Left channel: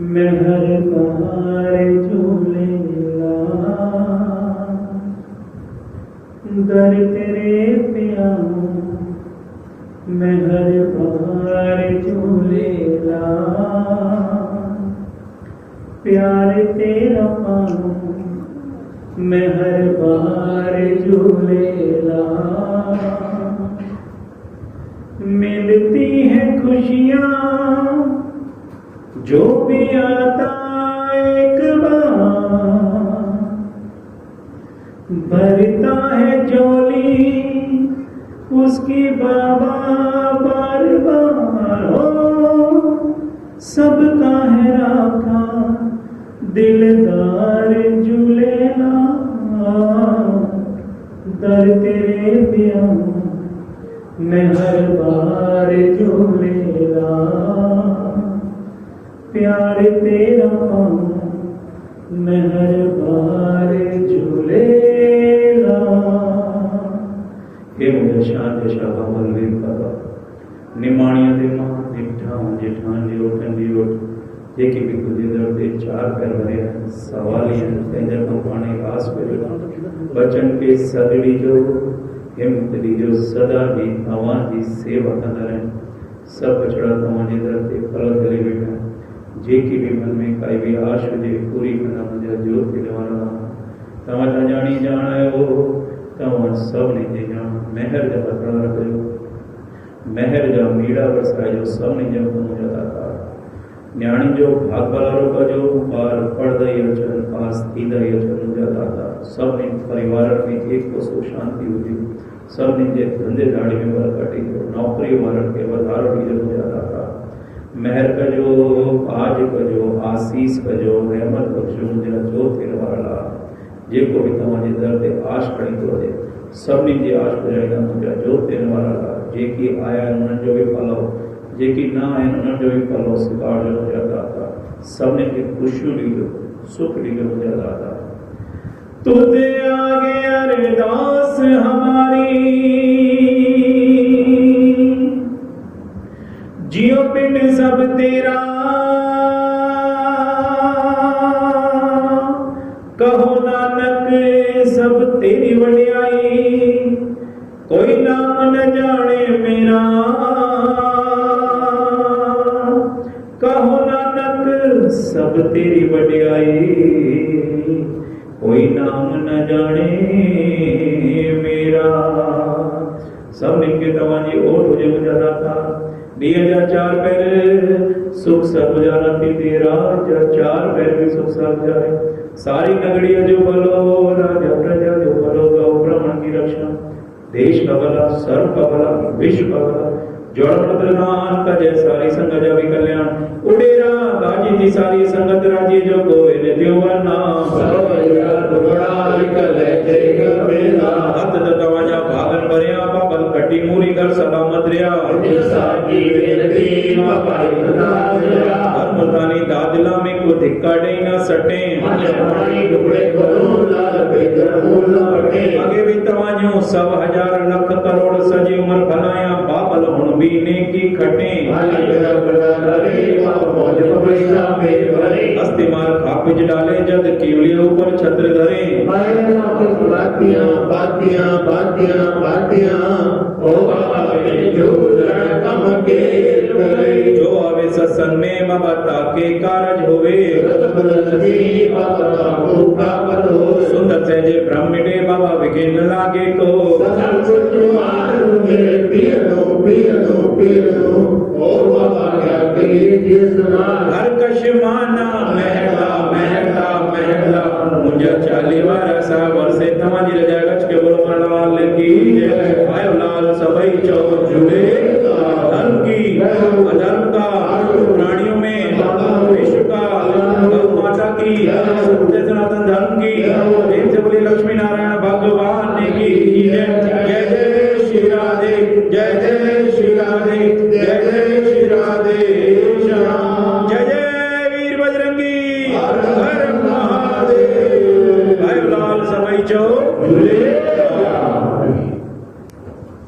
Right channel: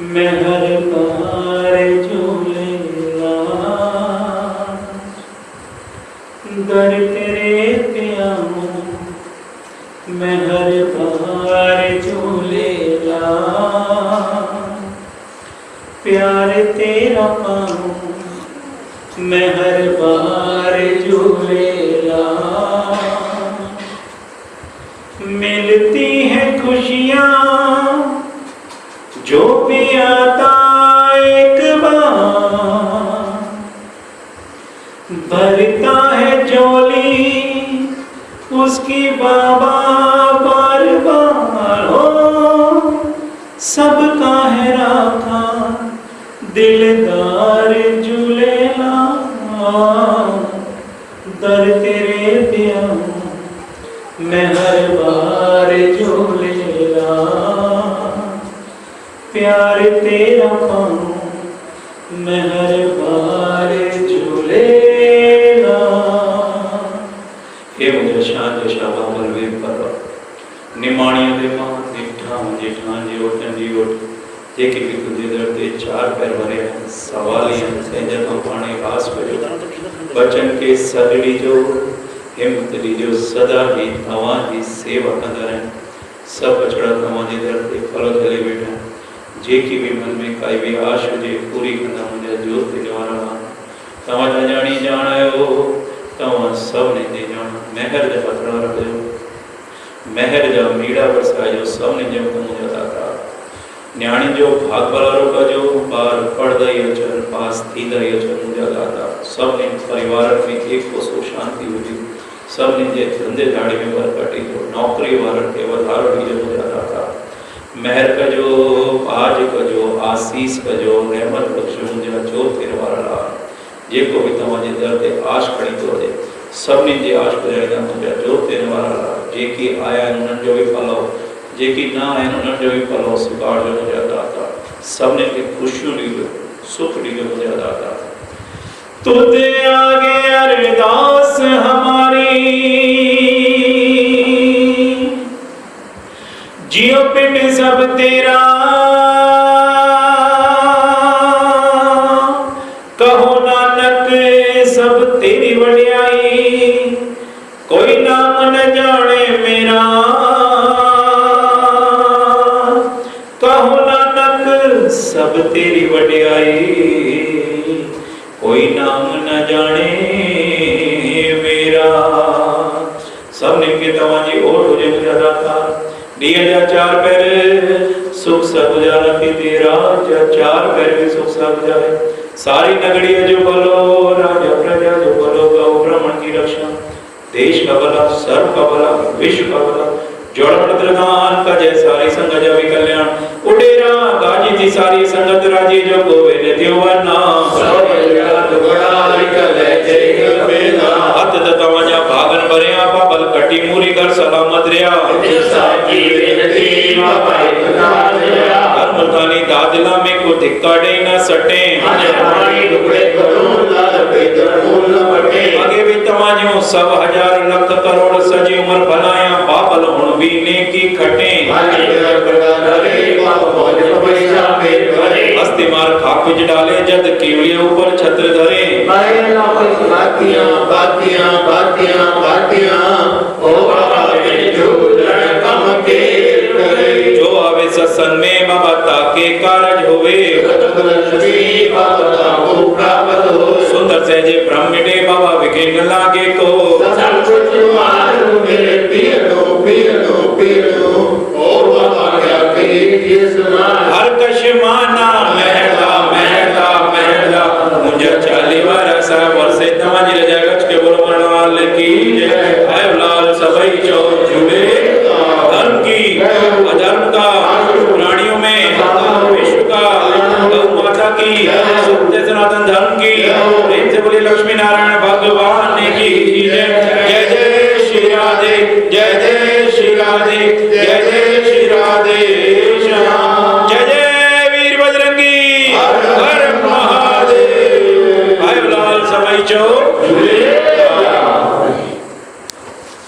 मैं हर बार झूलेला दर तेरे पे आऊं, मैं हर बार झूलेला प्यार तेरा पाऊं, मैं हर बार झूलेला मिलती हैं खुशियाँ जो भी आता एक बार, भरता है झोली उसकी बाबा बार बार हो, सबका है राखा दिलदार झूलेला दर तेरे पे आऊं, मैं हर बार झूलेला प्यार तेरा पाऊं, मैं हर बार झूलेला। हे मुझे शांत शाबा बलवीर परवा निमाणी देवा निठा जेठा जीवटन जीवट जे की भी तुझे दरते चार पैर भरे सवालियां सेंजर को पानी घास करो बचन के सगड़ी जो हिम्मत लीजो सदा ही तवाजी सेवा कंदर सब बचड़ा तवाजी दरते फल थले बेटा जे की भी मन में काई भी आश हुजे पूरी कंदा मुझे जोत ते जवाना तवा जानी जाणायो तवा सब ने दे जान महर जा पथरा रखो महर जा मीड़ा बरसायो सब ने जो मुझे दाता न्याणी जो भाग बलारो का जो बार पढ़ दई अचन पास थी दई अचन मुझे दाता सब ने परिवार में एक को सो शांति हुई सब ने जे धंधे धाड़ी में बरकती जो नौकरी वारन के वधारो दी जो मुझे दाता महर का जो आज का जो आशीष का जो रहमत बख्शो मुझे जो तेरे वाला जे को भी तमाजे दर ते आश खड़ी तो दे सब ने जे आश पजाई मुझे जो तेरे वाला जे की आया उन्हन जो भी फलो जे की ना आया उन्हन जो भी फलो स्वीकार जो मुझे दाता सब ने के खुशियों ली सुख ली जो मुझे दाता तुझे आगे अरदास हमारी जियो पिंड सब तेरा कहो नानक सब तेरी वड्याई कोई नाम न जाने मेरा कहो नानक सब तेरी वड्याई कोई नाम न जाने मेरा सब ने के तवाजी ओठ हो जे मुझे दाता दिया जा चार पैर सुख सब गुजारा के तेरा जा चार पैर भी सुख सब गुजारे सारी नगरी जो बोलो राजा प्रजा जो बोलो गौ ब्राह्मण की रक्षा देश का भला सर्व का भला विश्व का भला जोड़ मत्रगान का जय सारी संग जा भी कल्याण उडेरा गाजी थी सारी संगत राजी जो गोवे देवना सब जगत बड़ा निकले जय मेला हत तवाजा भागन भरिया पापल कटी मूरी कर सलामत रिया साची बेनती बाबाई खुदाया धर्मतानी दादला में को धिक्काड़े न सटे माने पानी टुकड़े करो लाल बेदर फूल न बटे आगे भी तवाजो सब हजार लाख करोड़ सजी उम्र भलाया पापल हुन भी नेकी खटे माने प्रकार रे पाप मौज पैसा पेट भरे हस्ती मार खाकुज डाले जद कीड़े ऊपर छत्र धरे माया बातियां बातियां बातियां बातियां ओ बाबा के झूलन कम के करे जो आवे सत्संग में बाबा ताके कारज होवे बाबा को प्राप्त हो सुंदर से जे ब्रह्मडे बाबा विघ्न लागे को सब कुछ मारू मेरे पियनो पियनो पियनो ओ बाबा क्या कही ये सुना